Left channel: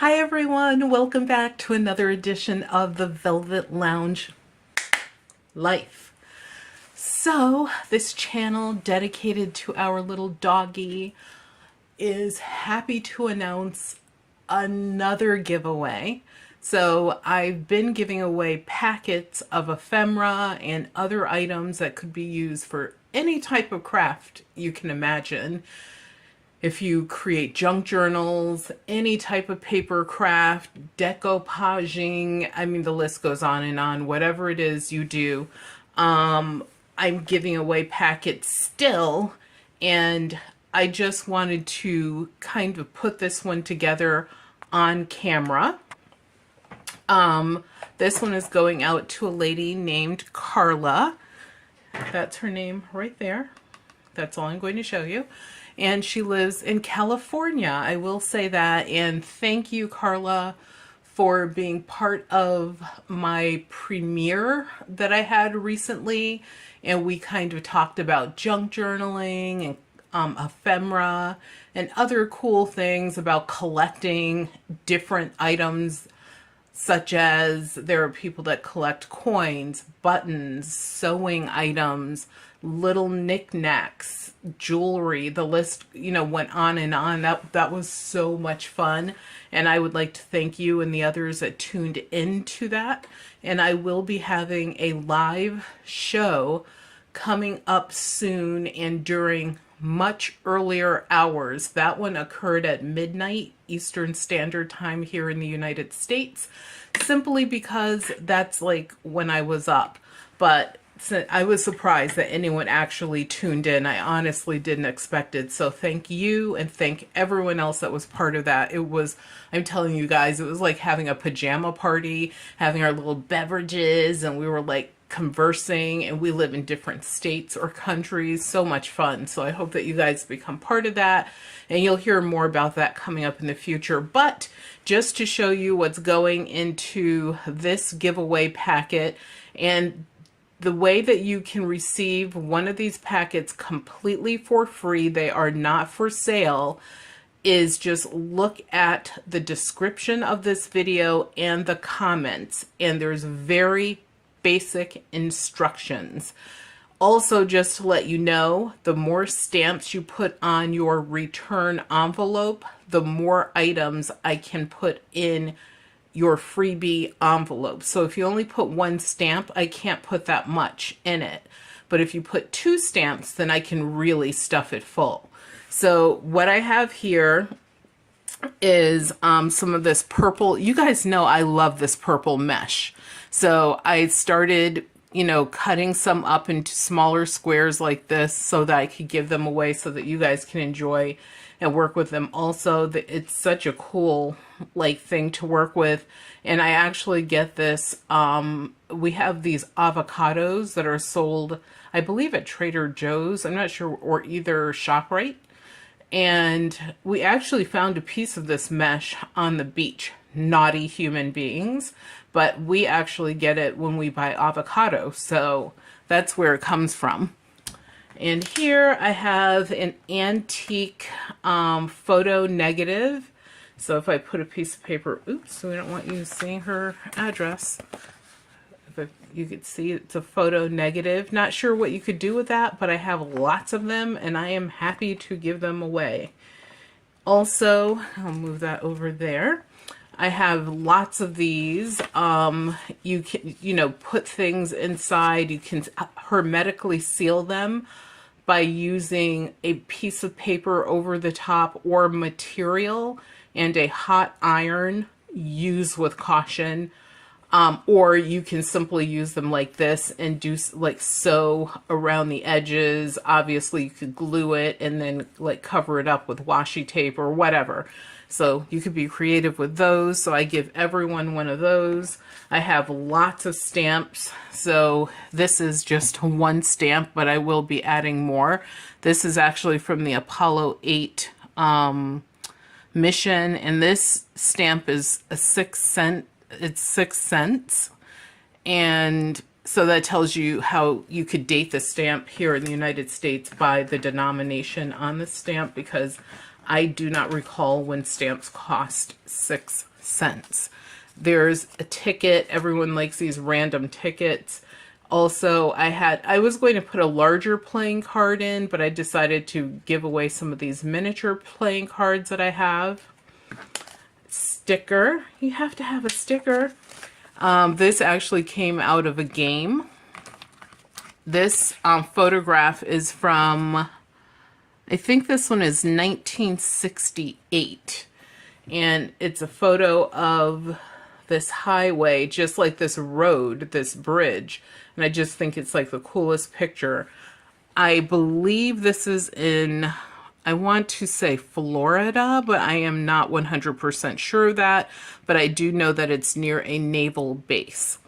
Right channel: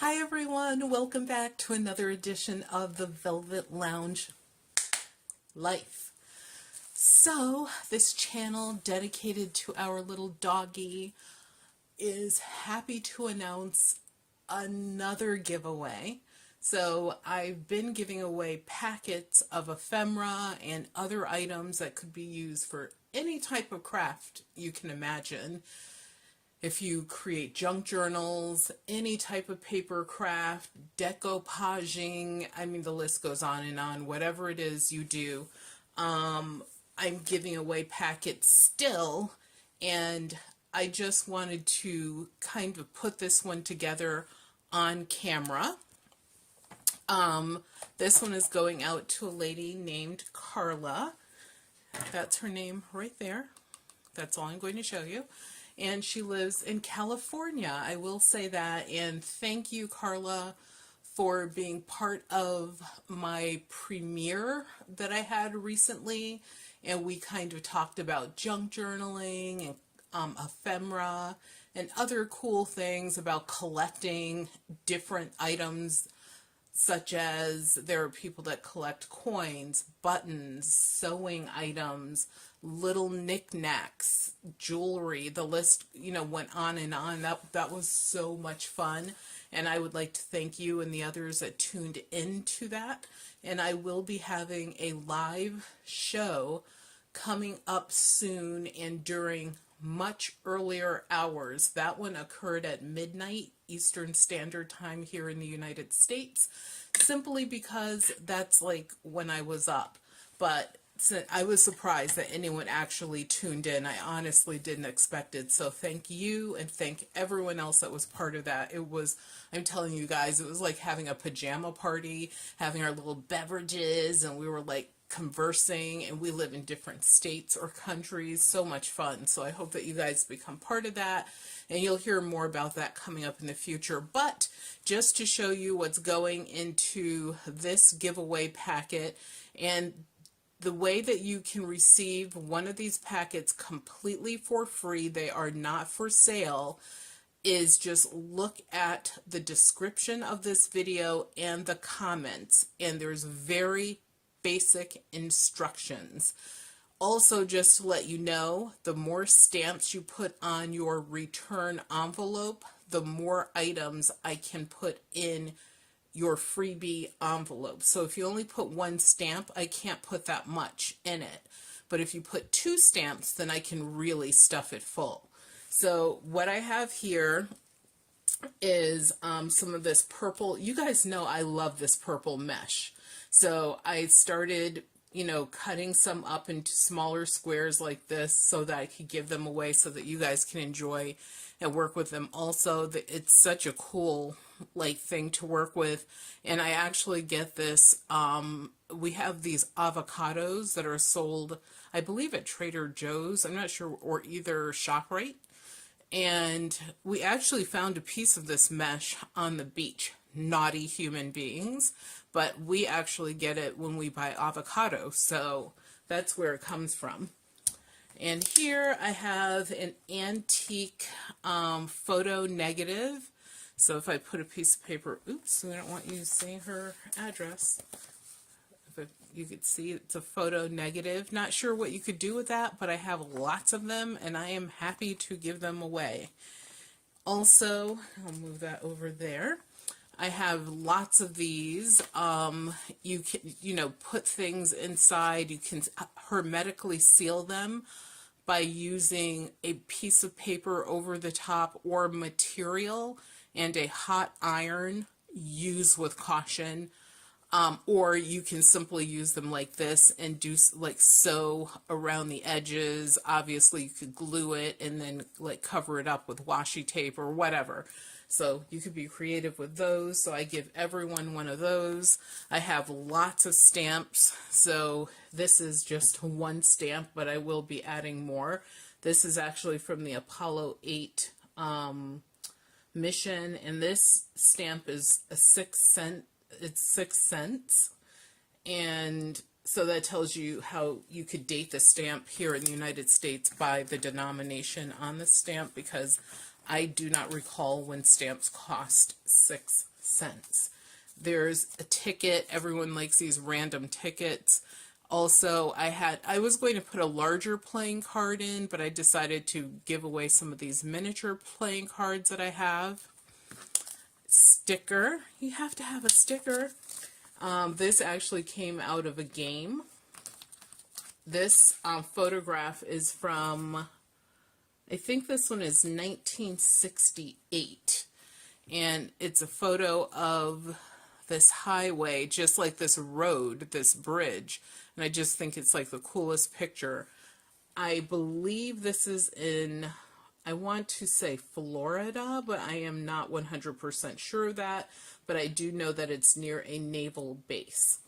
Hi everyone, welcome back to another edition of the Velvet Lounge Life. So, this channel dedicated to our little doggy is happy to announce another giveaway. So, I've been giving away packets of ephemera and other items that could be used for any type of craft you can imagine. If you create junk journals, any type of paper craft, decoupaging, I mean, the list goes on and on, whatever it is you do, I'm giving away packets still. And I just wanted to kind of put this one together on camera. This one is going out to a lady named Carla. That's her name right there. That's all I'm going to show you. And she lives in California. I will say that. And thank you, Carla, for being part of my premiere that I had recently. And we kind of talked about junk journaling and ephemera and other cool things about collecting different items, such as there are people that collect coins, buttons, sewing items, little knickknacks, jewelry. The list, went on and on. That was so much fun. And I would like to thank you and the others that tuned into that. And I will be having a live show coming up soon and during much earlier hours. That one occurred at midnight Eastern Standard Time here in the United States, simply because that's like when I was up. But I was surprised that anyone actually tuned in. I honestly didn't expect it. So thank you and thank everyone else that was part of that. It was, I'm telling you guys, it was like having a pajama party, having our little beverages, and we were like conversing, and we live in different states or countries. So much fun. So I hope that you guys become part of that, and you'll hear more about that coming up in the future. But just to show you what's going into this giveaway packet, and the way that you can receive one of these packets completely for free, they are not for sale, is just look at the description of this video and the comments, and there's very basic instructions. Also, just to let you know, the more stamps you put on your return envelope, the more items I can put in your freebie envelope. So if you only put one stamp, I can't put that much in it. But if you put two stamps, then I can really stuff it full. So what I have here is some of this purple. You guys know I love this purple mesh. So I started, cutting some up into smaller squares like this so that I could give them away so that you guys can enjoy and work with them. Also, it's such a cool thing to work with. And I actually get this, we have these avocados that are sold, I believe, at Trader Joe's, I'm not sure, or either ShopRite. And we actually found a piece of this mesh on the beach. Naughty human beings, but we actually get it when we buy avocado, so that's where it comes from. And here I have an antique photo negative. So if I put a piece of paper, oops, we don't want you seeing her address. If you could see, it's a photo negative. Not sure what you could do with that, but I have lots of them and I am happy to give them away. Also, I'll move that over there. I have lots of these. You can, put things inside. You can hermetically seal them by using a piece of paper over the top or material and a hot iron. Use with caution. Or you can simply use them like this and do sew around the edges. Obviously, you could glue it and then cover it up with washi tape or whatever. So you could be creative with those. So I give everyone one of those. I have lots of stamps. So this is just one stamp, but I will be adding more. This is actually from the Apollo 8 mission. And this stamp is a 6 cent. It's 6 cents. And so that tells you how you could date the stamp here in the United States by the denomination on the stamp, because I do not recall when stamps cost 6 cents. There's a ticket. Everyone likes these random tickets. Also, I was going to put a larger playing card in, but I decided to give away some of these miniature playing cards that I have. Sticker. You have to have a sticker. This actually came out of a game. This photograph is from, I think this one is 1968. And it's a photo of this highway, just like this road, this bridge. And I just think it's like the coolest picture. I believe this is in, I want to say Florida, but I am not 100% sure of that. But I do know that it's near a naval base.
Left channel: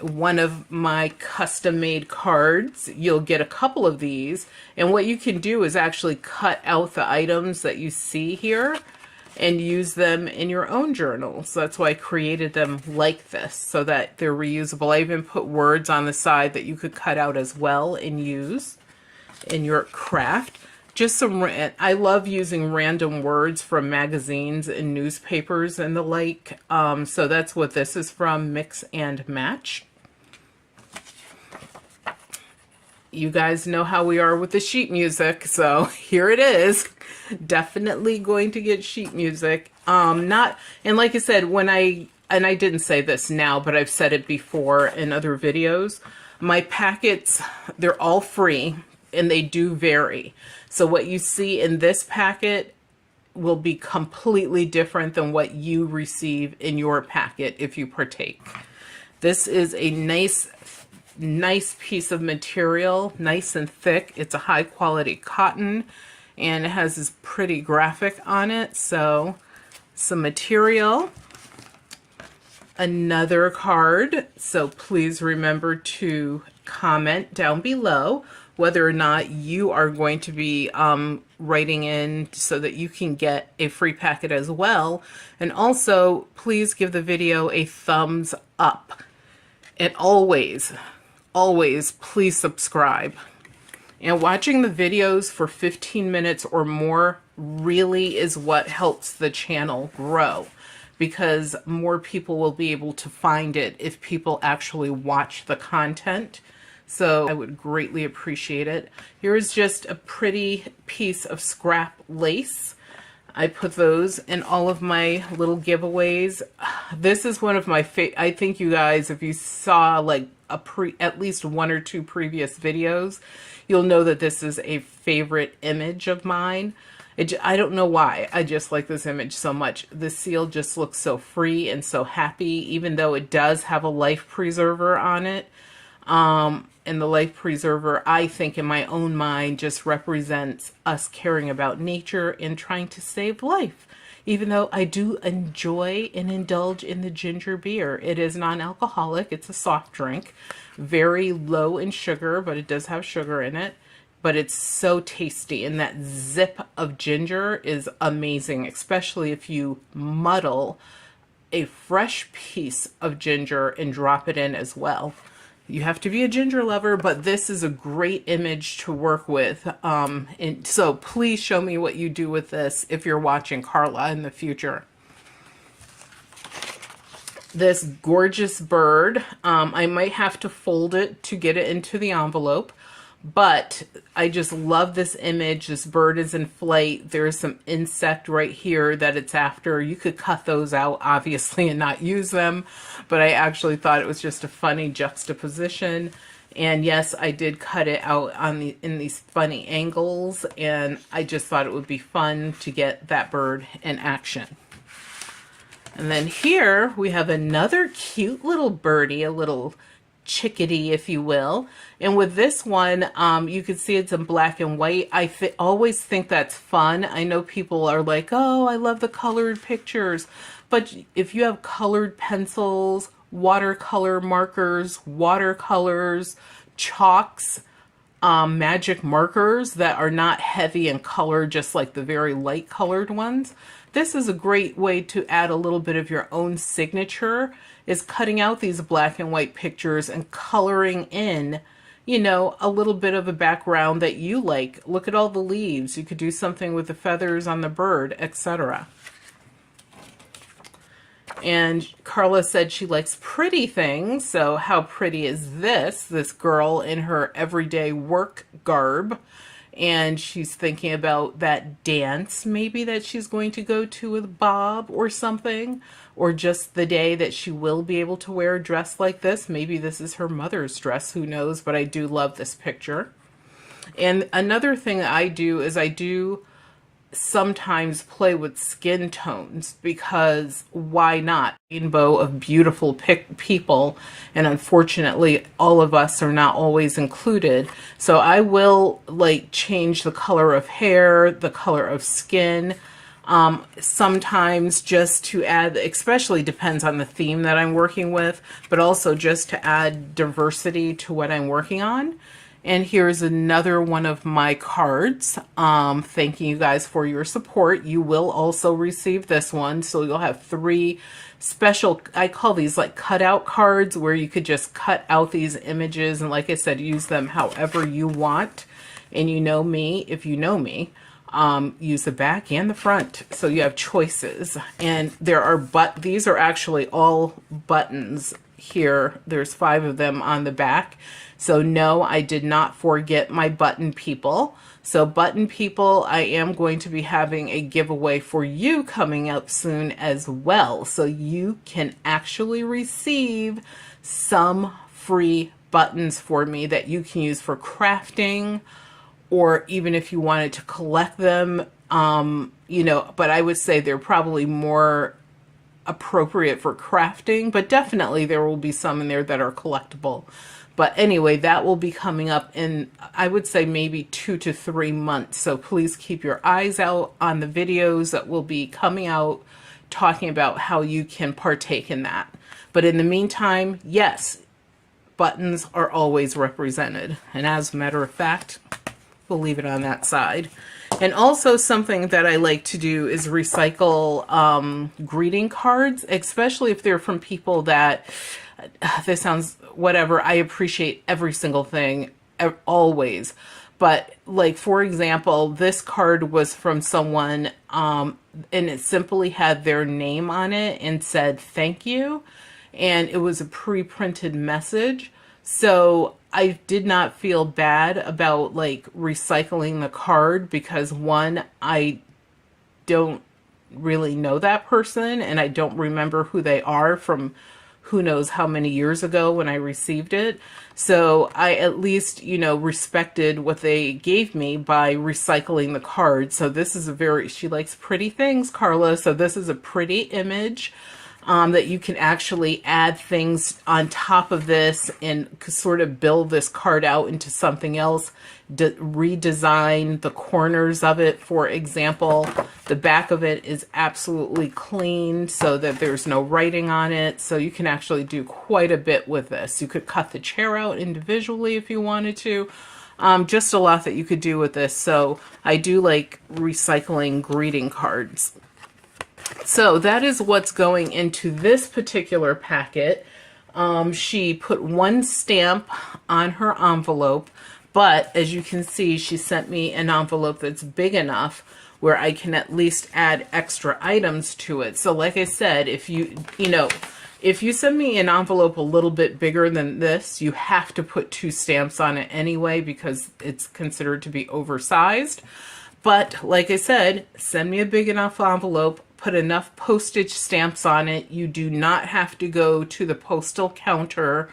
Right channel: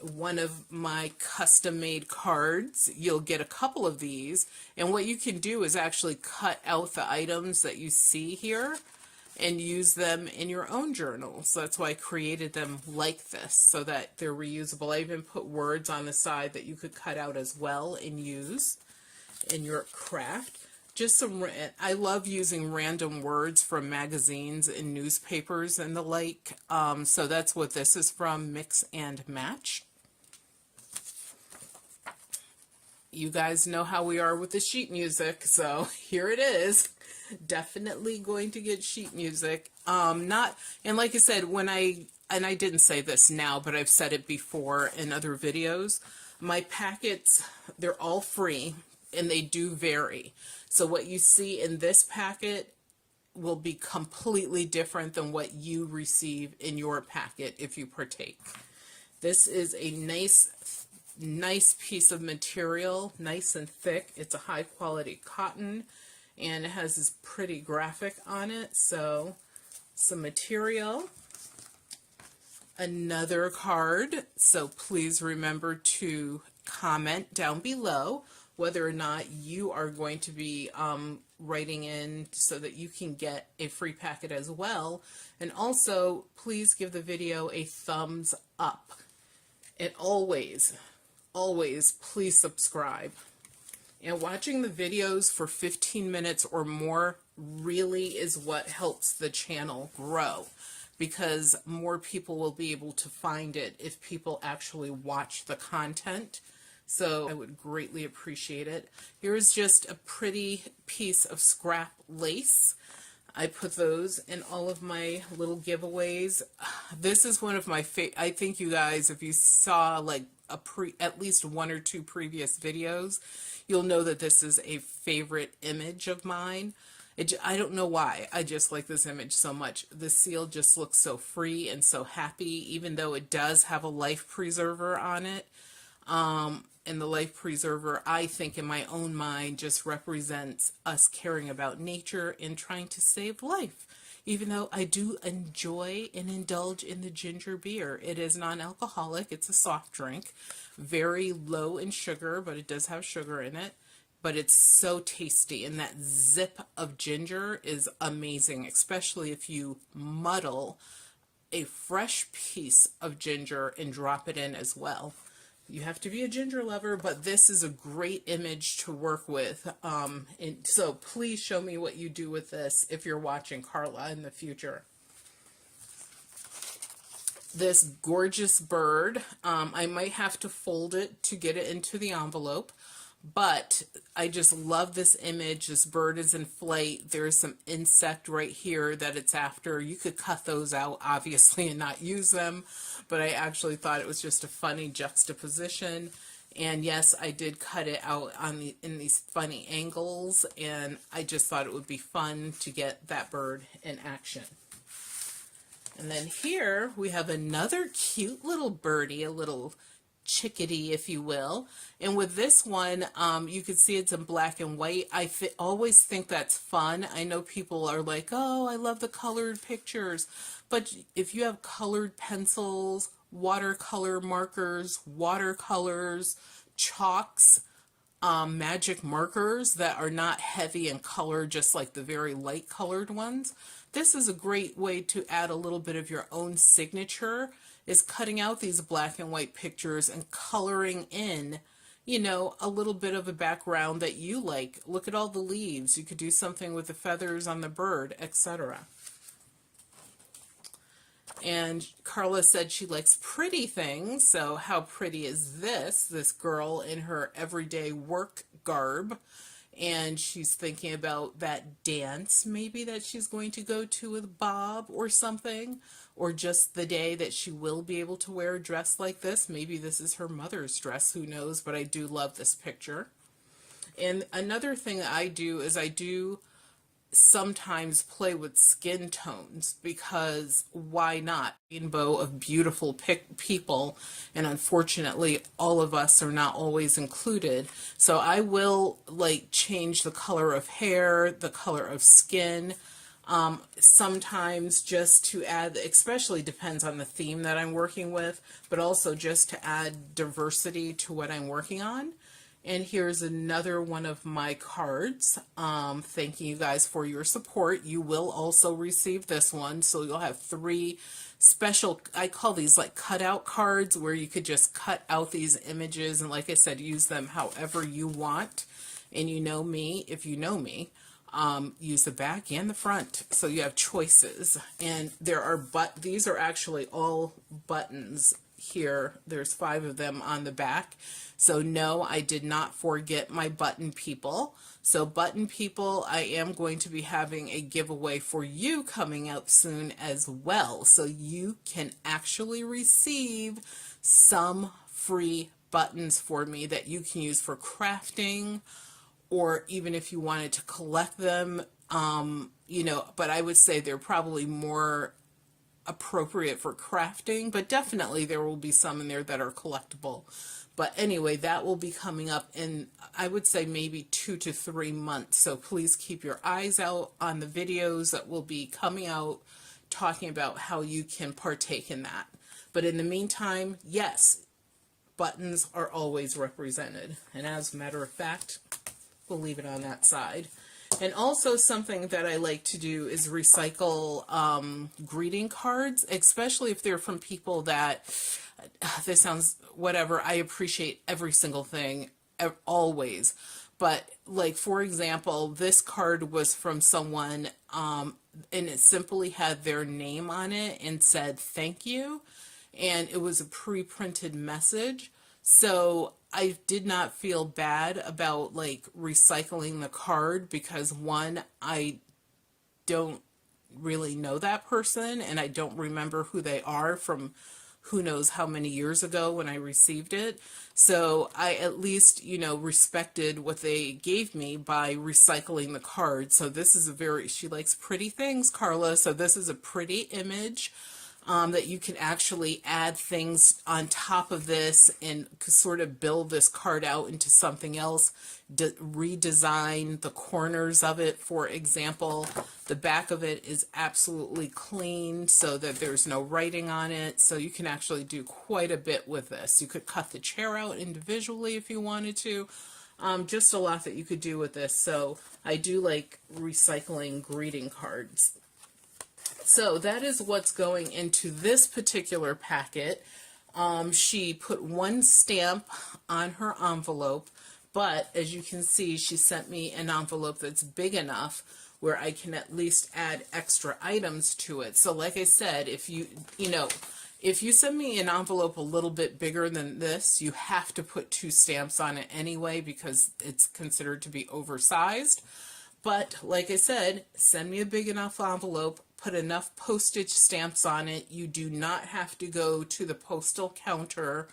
One of my custom-made cards, you'll get a couple of these. And what you can do is actually cut out the items that you see here and use them in your own journal. So that's why I created them like this, so that they're reusable. I even put words on the side that you could cut out as well and use in your craft. Just some, I love using random words from magazines and newspapers and the like. So that's what this is from, Mix and Match. You guys know how we are with the sheet music, so here it is. Definitely going to get sheet music. And like I said, and I didn't say this now, but I've said it before in other videos, my packets, they're all free and they do vary. So what you see in this packet will be completely different than what you receive in your packet if you partake. This is a nice piece of material, nice and thick. It's a high quality cotton and it has this pretty graphic on it. So some material, another card. So please remember to comment down below whether or not you are going to be writing in so that you can get a free packet as well. And also please give the video a thumbs up. And always please subscribe. And watching the videos for 15 minutes or more really is what helps the channel grow, because more people will be able to find it if people actually watch the content. So I would greatly appreciate it. Here's just a pretty piece of scrap lace. I put those in all of my little giveaways. This is one of my I think you guys, if you saw like at least one or two previous videos, you'll know that this is a favorite image of mine. I don't know why. I just like this image so much. The seal just looks so free and so happy, even though it does have a life preserver on it. And the life preserver, I think in my own mind, just represents us caring about nature and trying to save life. Even though I do enjoy and indulge in the ginger beer. It is non-alcoholic. It's a soft drink. Very low in sugar, but it does have sugar in it. But it's so tasty. And that zip of ginger is amazing, especially if you muddle a fresh piece of ginger and drop it in as well. You have to be a ginger lover, but this is a great image to work with. And so please show me what you do with this if you're watching Carla in the future. This gorgeous bird, I might have to fold it to get it into the envelope, but I just love this image. This bird is in flight. There's some insect right here that it's after. You could cut those out, obviously, and not use them, but I actually thought it was just a funny juxtaposition. And yes, I did cut it out in these funny angles, and I just thought it would be fun to get that bird in action. And then here we have another cute little birdie, a little chickadee, if you will. And with this one, you can see it's in black and white. I always think that's fun. I know people are like, oh, I love the colored pictures. But if you have colored pencils, watercolor markers, watercolors, chalks, magic markers that are not heavy in color, just like the very light colored ones, this is a great way to add a little bit of your own signature, is cutting out these black and white pictures and coloring in, you know, a little bit of a background that you like. Look at all the leaves. You could do something with the feathers on the bird, etc. And Carla said she likes pretty things. So how pretty is this? This girl in her everyday work garb. And she's thinking about that dance maybe that she's going to go to with Bob or something. Or just the day that she will be able to wear a dress like this. Maybe this is her mother's dress, who knows, but I do love this picture. And another thing I do is I do sometimes play with skin tones, because why not? Rainbow of beautiful people, and unfortunately all of us are not always included. So I will like change the color of hair, the color of skin, sometimes just to add, especially depends on the theme that I'm working with, but also just to add diversity to what I'm working on. And here's another one of my cards. Thanking you guys for your support. You will also receive this one. So you'll have 3 special, I call these like cutout cards, where you could just cut out these images. And like I said, use them however you want. And you know me, if you know me, use the back and the front. So you have choices. And there are, these are actually all buttons here. There's 5 of them on the back. So no, I did not forget my button people. So button people, I am going to be having a giveaway for you coming up soon as well. So you can actually receive some free buttons for me that you can use for crafting, or even if you wanted to collect them, you know, but I would say they're probably more appropriate for crafting, but definitely there will be some in there that are collectible. But anyway, that will be coming up in, I would say, maybe 2 to 3 months. So please keep your eyes out on the videos that will be coming out talking about how you can partake in that. But in the meantime, yes, buttons are always represented. And as a matter of fact, we'll leave it on that side. And also something that I like to do is recycle greeting cards, especially if they're from people that, this sounds whatever, I appreciate every single thing, always. But like, for example, this card was from someone, and it simply had their name on it and said, thank you. And it was a pre-printed message. So I did not feel bad about like recycling the card, because one, I don't really know that person and I don't remember who they are from who knows how many years ago when I received it. So I at least, you know, respected what they gave me by recycling the card. So this is a very, she likes pretty things, Carla. So this is a pretty image that you can actually add things on top of this and sort of build this card out into something else, redesign the corners of it. For example, the back of it is absolutely clean so that there's no writing on it. So you can actually do quite a bit with this. You could cut the chair out individually if you wanted to. Just a lot that you could do with this. So I do like recycling greeting cards. So that is what's going into this particular packet. She put 1 stamp on her envelope, but as you can see, she sent me an envelope that's big enough where I can at least add extra items to it. So like I said, if you send me an envelope a little bit bigger than this, you have to put 2 stamps on it anyway, because it's considered to be oversized. But like I said, send me a big enough envelope, put enough postage stamps on it. You do not have to go to the postal counter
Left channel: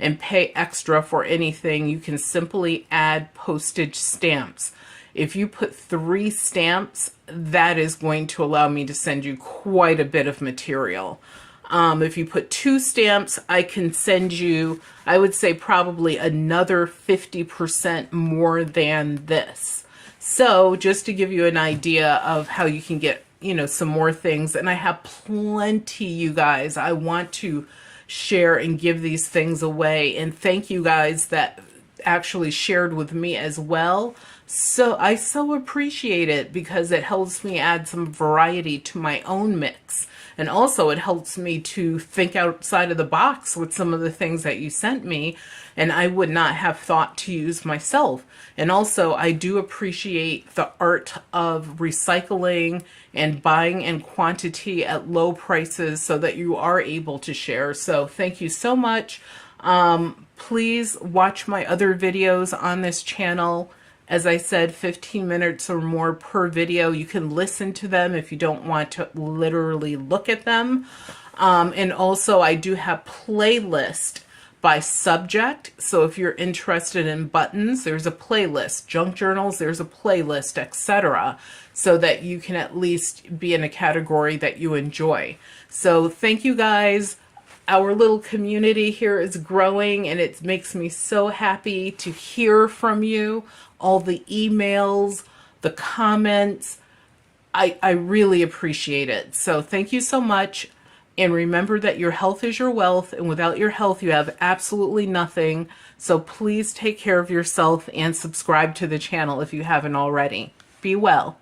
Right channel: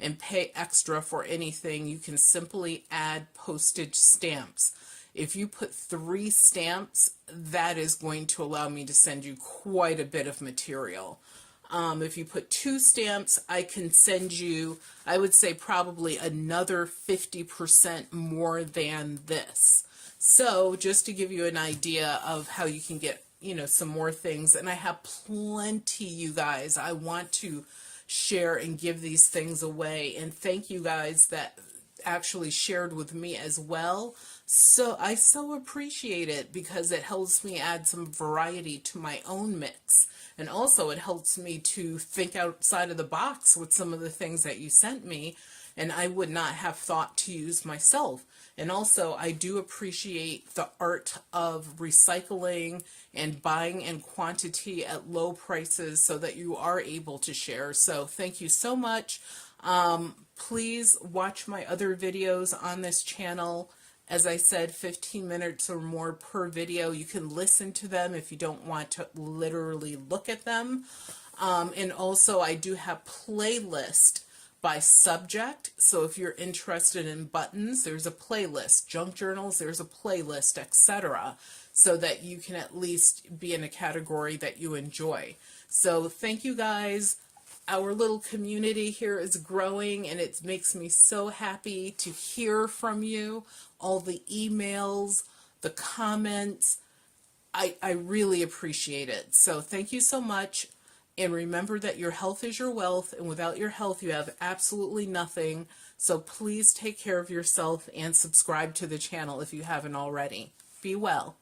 and pay extra for anything. You can simply add postage stamps. If you put 3 stamps, that is going to allow me to send you quite a bit of material. If you put 2 stamps, I can send you, I would say, probably another 50% more than this. So just to give you an idea of how you can get, you know, some more things. And I have plenty, you guys. I want to share and give these things away. And thank you guys that actually shared with me as well. So I so appreciate it, because it helps me add some variety to my own mix. And also it helps me to think outside of the box with some of the things that you sent me. and I would not have thought to use myself. And also, I do appreciate the art of recycling and buying in quantity at low prices so that you are able to share. So thank you so much. Please watch my other videos on this channel. As I said, 15 minutes or more per video. You can listen to them if you don't want to literally look at them. And also, I do have playlist by subject. So if you're interested in buttons, there's a playlist. Junk journals, there's a playlist, etc. So that you can at least be in a category that you enjoy. So thank you guys. Our little community here is growing, and it makes me so happy to hear from you. All the emails, the comments. I really appreciate it. So thank you so much. And remember that your health is your wealth, and without your health, you have absolutely nothing. So please take care of yourself and subscribe to the channel if you haven't already. Be well.